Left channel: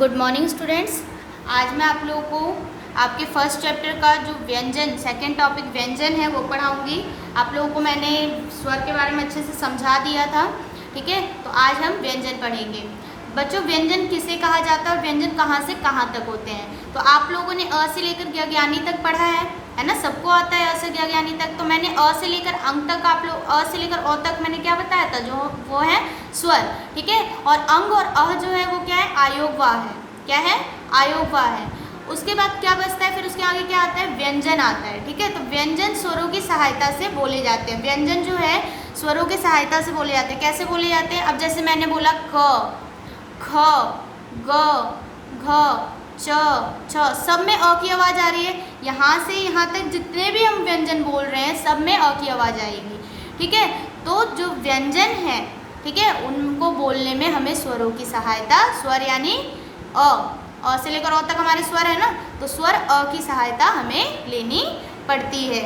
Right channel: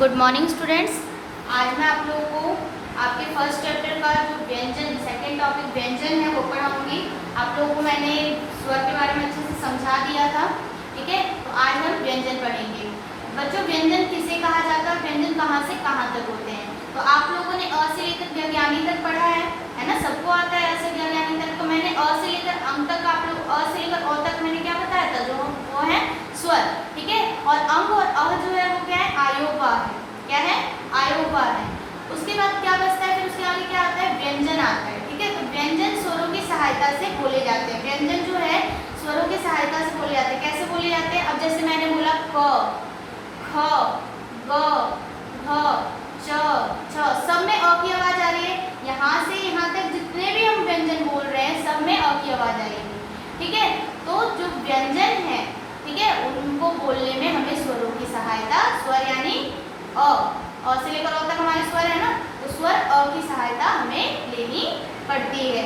Good morning students. आज मैं आप लोगों को आपके फर्स्ट चैप्टर का जो व्यंजन सेकंड टॉपिक व्यंजन है वो पढ़ाऊंगी। आप लोगों को मैंने स्वर के बारे में अच्छे से समझा दिया था, ठीक है। तो आज हम व्यंजन पढ़ेंगे। बच्चों, व्यंजन किसे कहा जाता है, व्यंजन कहाँ से कहाँ तक होते हैं। तो आप लोगों ने अ से लेकर ज्ञानी तक पढ़ा है ना, सबको आता है अ से ज्ञानी तक। तो मैंने अ से लेकर अंक तक, आप लोग अ से लेकर अ तक मैंने क्या बताया था, जो वो है स्वर, ठीक है। और अंग और अ जो है वो क्या है, आयोगवा है। क्या है, आयोगवा है। उसके बाद क्या बचता है, फिर उसके आगे क्या आता है, व्यंजन आता है, ठीक है। तो व्यंजन स्वरों की सहायता से बोले जाते हैं। व्यंजन जो है स्वरों की सहायता से बोले जाते हैं। कैसे बोले जाते हैं, अब जैसे मैंने बोला क, ख, ग, घ, च, छ, सब में अ की आवाज आ रही है। यहाँ से यहाँ तक जितने भी हम व्यंजन बोल रहे हैं सब में अ की आवाज आएगी, ठीक है। तो जो व्यंजन है, ठीक है, उनको बोलने में हमें स्वरों की सहायता, स्वर यानी अ से लेकर अ तक हमारे स्वर है ना, तो स्वर अ की सहायता हमें लेनी पड़ती है,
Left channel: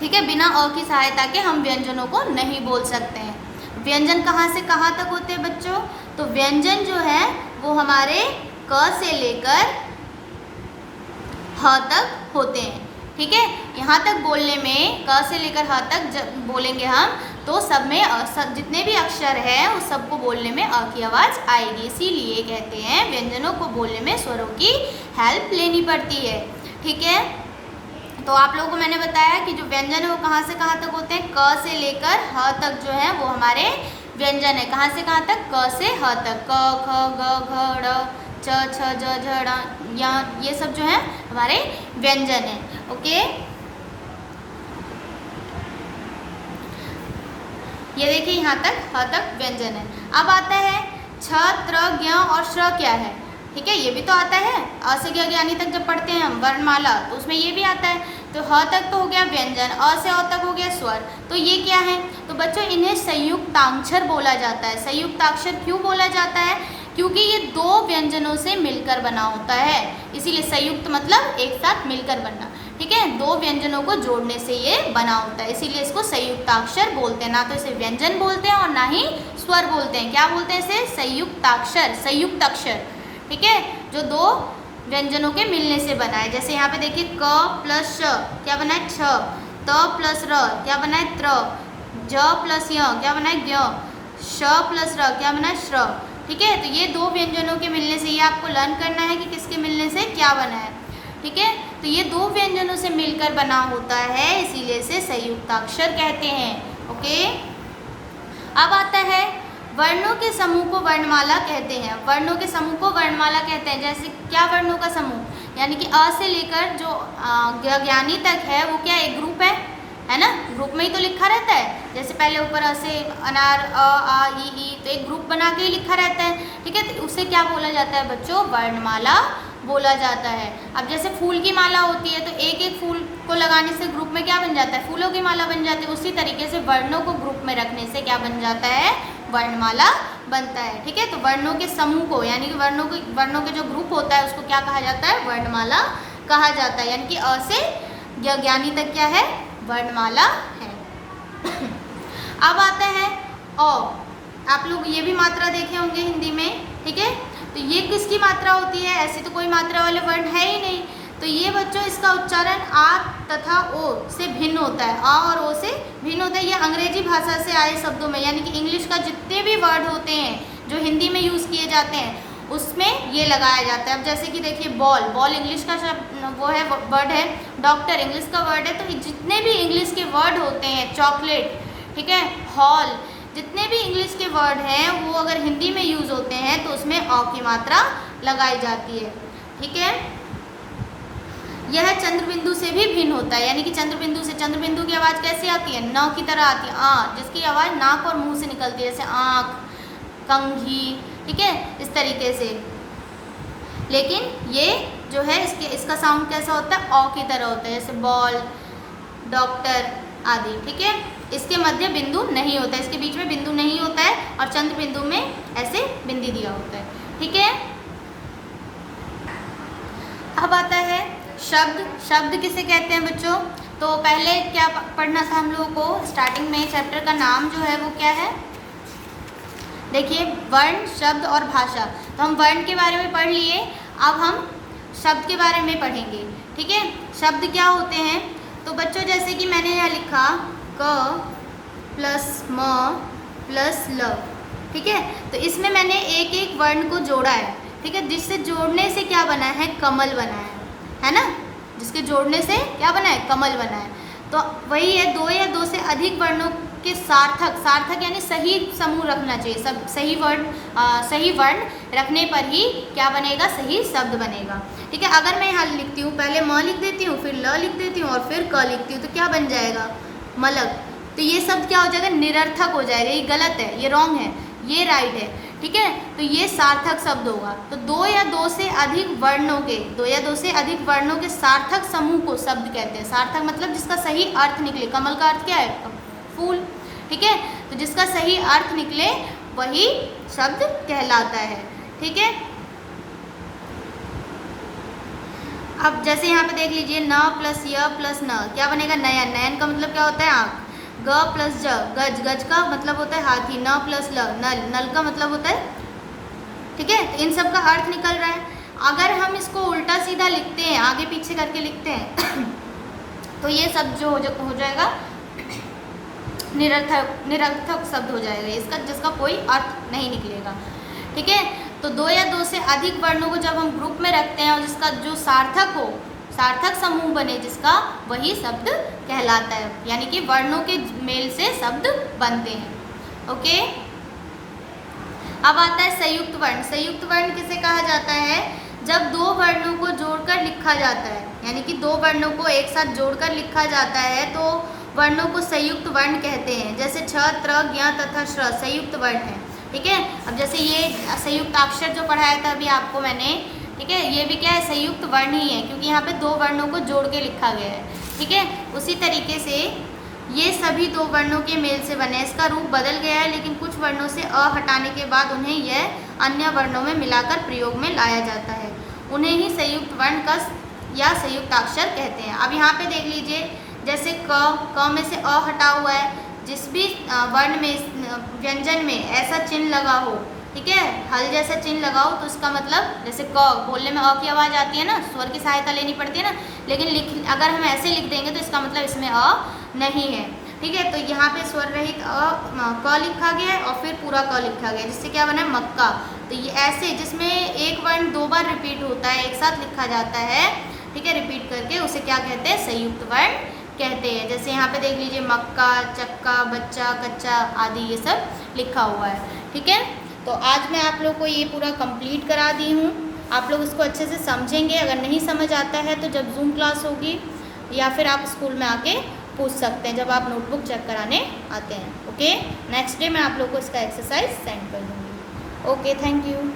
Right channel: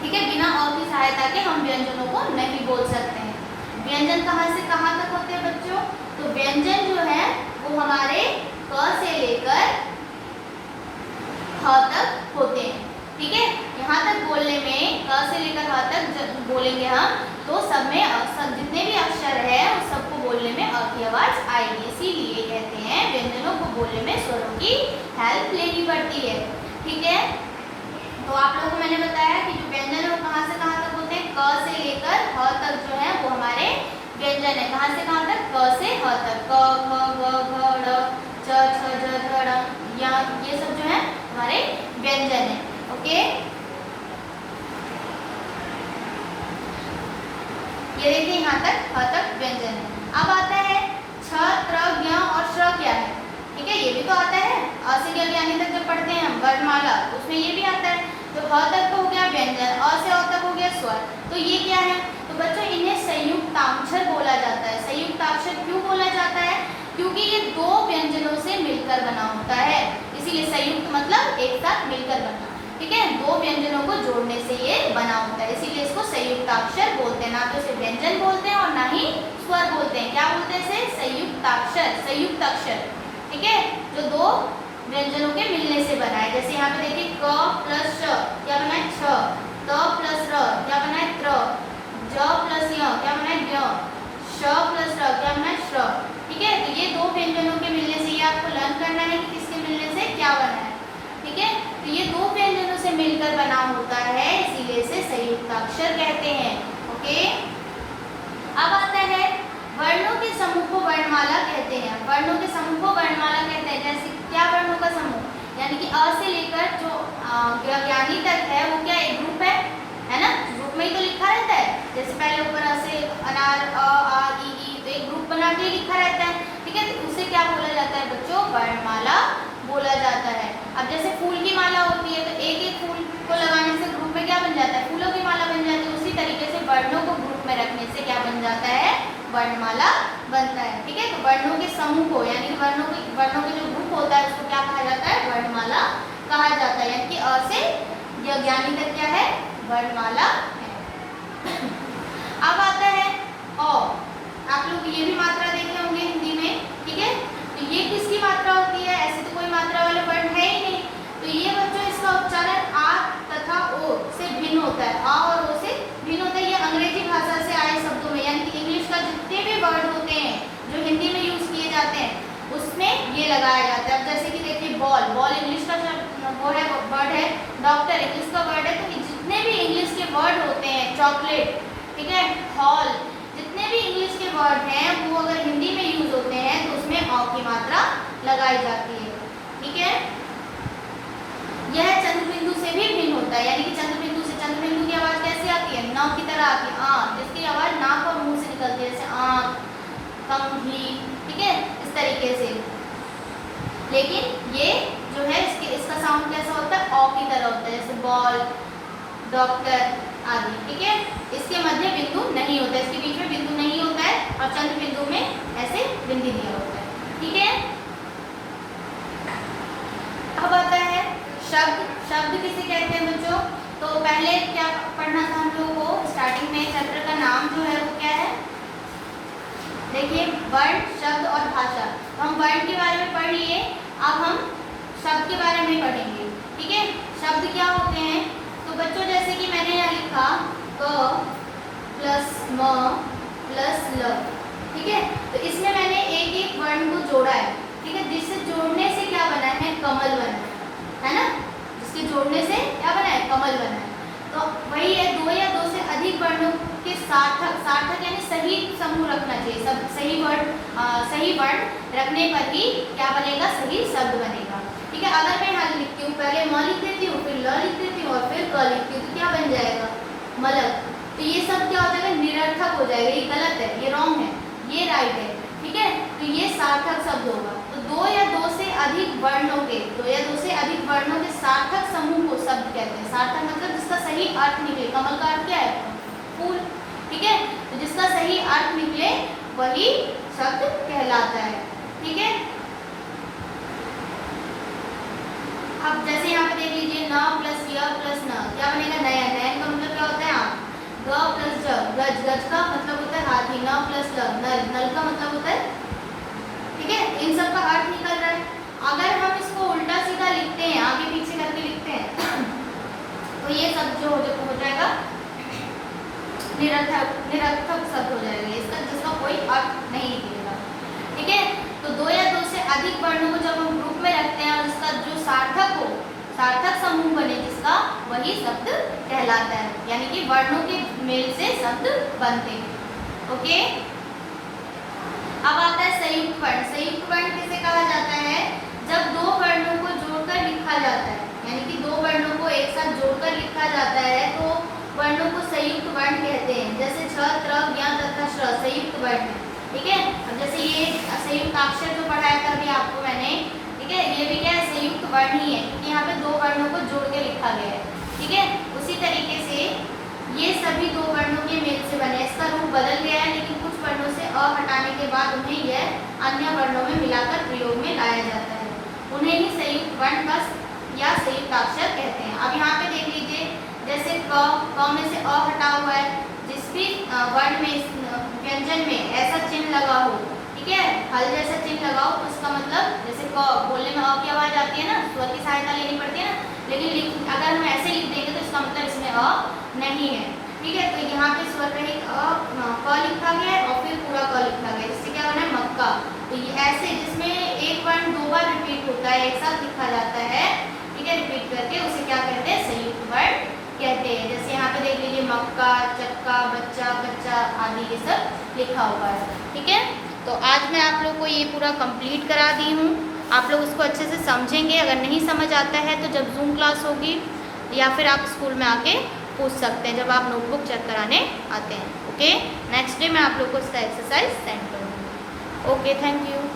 ठीक है। बिना अ की सहायता के हम व्यंजनों को नहीं बोल सकते हैं। व्यंजन कहाँ से कहाँ तक होते हैं बच्चों, तो व्यंजन जो है वो हमारे क से लेकर ह तक होते हैं, ठीक है। यहाँ तक बोलने में क से लेकर ह तक जब बोलेंगे हम, तो सब में सब जितने भी अक्षर है उस सबको बोलने में अ की आवाज आएगी। इसीलिए कहते हैं व्यंजनों को बोलने में स्वरों की हेल्प लेनी पड़ती है, ठीक है। तो आप लोगों को मैंने बताया कि जो व्यंजन है वो कहाँ से कहाँ तक होते हैं, क से लेकर ह तक जो है वो हमारे व्यंजन है। कहाँ से कहाँ तक, क से ह तक, क, ख, ग, घ, ड़, च, छ, ज, झ, ड़, यहाँ ये सब जो है हमारे व्यंजन है, ओके। ये देखिए यहाँ तक ह तक व्यंजन है। अब आता है छ, त्र, ज्ञ और श्र क्या है, ठीक है। ये भी तो आता है, अ से ज्ञानी तक जब पढ़ते हैं हम वर्णमाला तो उसमें ये भी आता है। तो ह तक तो हो गया व्यंजन, अ से अ तक हो गया स्वर। तो ये क्या है, तो बच्चों इन्हें संयुक्ताक्षर बोला जाता है। संयुक्ताक्षर क्यों बोला जाता है, क्योंकि ये दो व्यंजनों से मिलकर बना होता है, इसीलिए संयुक्त मतलब एक साथ मिलकर बनना, ठीक है। दो व्यंजनों को जोड़ने से ये बना होता है, इसीलिए इसको संयुक्ताक्षर बोलते हैं। ना तो इसे व्यंजन बोलते हैं और ना ही स्वर बोलते हैं। क्या बोलते हैं इसे, संयुक्ताक्षर, संयुक्त अक्षर, ठीक है, जो दो व्यंजनों के मिलने से बना है। जैसे यहाँ पे देखिए क प्लस श क्या बना है छ, त प्लस र क्या बना है त्र, ज प्लस य क्या बना है ज्ञ, श प्लस र क्या बना है श्र, ठीक है। तो ये दो व्यंजनों के मिलने से, ये आपको लर्न करना है कि किसके मिलने से क्या बना है, ठीक है। तो ये दो व्यंजनों से मिलकर बना होता है, इसीलिए इसे संयुक्ताक्षर कहते हैं, ओके। अब आता है वर्णों के समूह को वर्णमाला कहते हैं। वर्णों के समूह को वर्णमाला कहते हैं। जैसे क्या वर्णों का समूह, यानी कि अ से लेकर जो ज्ञानी तक है वो क्या एक ग्रुप है ना, ग्रुप में ही तो लिखा रहता है। जैसे पहले ऊपर अ से अनार अ आ ई तो एक ग्रुप बना के ही लिखा रहता है, ठीक है। तो उसे क्या बोला जाता है बच्चों, वर्णमाला बोला जाता है। अब जैसे फूल की माला होती है तो एक एक फूल को लगाने से ग्रुप में क्या बन जाता है, फूलों की माला बन जाती है। उसी तरीके से वर्णों को ग्रुप में रखने से क्या बन जाता है, वर्णमाला बनता है, ठीक है। तो वर्णों के समूह को, यानी कि वर्णों के जो ग्रुप होता है उसको क्या कहा जाता है, वर्णमाला कहा जाता है। यानी कि अ से ज्ञानी तक क्या है, वर्णमाला है। अब आता है अ। आप लोग ये भी मात्रा देखे होंगे हिंदी में, ठीक है। तो ये किसकी मात्रा होती है, ऐसे तो कोई मात्रा वाले वर्ण है ही नहीं। तो ये बच्चों इसका उच्चारण आ तथा ओ से भिन्न होता है, आ और ओ से भिन्न होता है। ये अंग्रेजी भाषा से आए शब्दों में, यानी कि इंग्लिश का जितने भी वर्ड होते हैं जो हिंदी में यूज किए जाते हैं उसमें ये लगाया जाता है। अब जैसे कि देखिए बॉल, बॉल इंग्लिश का शब्द वो है, वर्ड है। डॉक्टर इंग्लिश का वर्ड है। तो जितने भी इंग्लिश के वर्ड होते हैं, चॉकलेट, ठीक है, हॉल, जितने भी इंग्लिश के वर्ड हैं वो अगर हिंदी में यूज होते हैं तो उसमें अ की मात्रा लगाई जाती है, ठीक है। यह चंद्र बिंदु से भी भिन्न होता है, यानी कि चंद्र बिंदु से, चंद्र बिंदु की आवाज कैसी आती है, न की तरह आती है, आ, जिसकी आवाज नाक और मुंह से निकलती है, जैसे आंख, कंघी, ठीक है, इस तरीके से। लेकिन ये जो है इसका साउंड कैसा होता है, अ की तरह होता है, जैसे बॉल, डॉक्टर आदि, ठीक है। इसके मध्य बिंदु नहीं होता है, इसके बीच में बिंदु नहीं होता है, और चंद्र बिंदु में ऐसे बिंदी दिया होता है, ठीक है। अब आता है शब्द। शब्द किसे कहते हैं बच्चों, तो पहले क्या पढ़ना था हम लोगों को, स्टार्टिंग में चैप्टर का नाम जो है वो क्या है, देखिए वर्ण, शब्द और भाषा। तो हम हम वर्ण के बारे में पढ़ लिए, अब हम शब्द के बारे में पढ़ेंगे। ठीक है, शब्द क्या होते हैं? तो बच्चों जैसे कि मैंने यहाँ लिखा क प्लस म प्लस ल। ठीक है, तो इसमें मैंने एक एक वर्ण को जोड़ा है। ठीक है, जिससे जोड़ने से क्या बना है? कमल बना है ना? जिसके जोड़ने से क्या बना है? कमल बना है। तो वही है, दो या दो से अधिक वर्णों के सार्थक यानी सही समूह रखना चाहिए। सब सही वर्ण रखने पर ही क्या बनेगा? सही शब्द बनेगा। ठीक है, अगर मैं यहाँ लिखती हूँ, पहले म लिख देती हूँ, फिर ल लिख देती हूँ और फिर क लिखती हूँ, तो क्या बन जाएगा? मलक। तो ये शब्द क्या हो जाएगा? निरर्थक हो जाएगा। ये गलत है, ये रॉन्ग है, ये राइट है। ठीक है, तो ये सार्थक शब्द होगा। तो दो या दो से अधिक वर्णों के सार्थक समूह को शब्द कहते हैं। सार्थक मतलब जिसका सही अर्थ निकले। कमल का अर्थ क्या है? फूल। ठीक है, तो जिसका सही अर्थ निकले वही शब्द कहलाता है। ठीक है, अब जैसे यहाँ पे देख लीजिए, न प्लस य प्लस न क्या बनेगा? नयन। नयन का मतलब क्या होता है? आँख। ग प्लस ज गज। गज का मतलब होता है हाथी। न प्लस ल नल। नल का मतलब होता है। ठीक है, इन सब का अर्थ निकल रहा है। अगर हम इसको उल्टा सीधा लिखते हैं, आगे पीछे करके लिखते हैं तो ये सब जो हो जाएगा निरर्थक शब्द हो जाएगा, जिसका कोई अर्थ नहीं निकलेगा। ठीक है, तो दो या दो से अधिक वर्णों को जब हम ग्रुप में रखते हैं और जिसका जो सार्थक समूह बने जिसका, वही शब्द कहलाता है। यानी कि वर्णों के मेल से शब्द बनते हैं। ओके, अब आता है संयुक्त वर्ण। संयुक्त वर्ण किसे कहा जाता है? जब दो वर्णों को जोड़कर लिखा जाता है, यानी कि दो वर्णों को एक साथ जोड़कर लिखा जाता है तो वर्णों को संयुक्त वर्ण कहते हैं। जैसे छ, त्र, ज्ञ तथा श्र संयुक्त वर्ण है। ठीक है, अब जैसे ये संयुक्त अक्षर जो पढ़ाया था अभी आपको मैंने, ठीक है, ये भी क्या है? संयुक्त वर्ण ही है, क्योंकि यहाँ पे दो वर्णों को जोड़ के लिखा गया है। ठीक है, उसी तरीके से ये सभी दो वर्णों के मेल से बने। इसका रूप बदल गया है, लेकिन कुछ वर्णों से अ हटाने के बाद उन्हें यह अन्य वर्णों में मिलाकर प्रयोग में लाया जाता है। उन्हें ही संयुक्त वर्ण या संयुक्त अक्षर कहते हैं। अब यहाँ पे देख लीजिए, जैसे क में से अ हटा हुआ है। जिस भी वर्ण में, व्यंजन में ऐसा चिन्ह लगा हो, ठीक है, हल जैसा चिन्ह लगाओ, तो उसका मतलब जैसे क बोलने में अ की आवाज़ आती है ना, स्वर की सहायता लेनी पड़ती है ना, लेकिन अगर हम ऐसे लिख देंगे तो इसका मतलब इसमें अ नहीं है। ठीक है, तो यहाँ पे स्वर रहित क लिखा गया है और फिर पूरा क लिखा गया है, जिससे क्या बना है? मक्का। तो ये ऐसे जिसमें एक वर्ण दो बार रिपीट होता है, एक साथ लिखा जाता है, ठीक है, रिपीट करके, उसे क्या कहते हैं? संयुक्त वर्ण कहते हैं। जैसे यहाँ पे देख लीजिए, मक्का, चक्का, बच्चा, कच्चा आदि ये सब लिखा हुआ है। ठीक है, तो आज मैं आप लोग को ये पूरा कंप्लीट करा दी हूँ। आप लोग उसको अच्छे से समझेंगे। अगर नहीं समझ आता है तो जब जूम क्लास होगी या फिर आप स्कूल में आके पूछ सकते हैं, जब आप नोटबुक चेक कराने आते हैं। ओके, नेक्स्ट डे मैं आप लोग को इसका एक्सरसाइज सेंड कर दूँगी। Okay, thank you.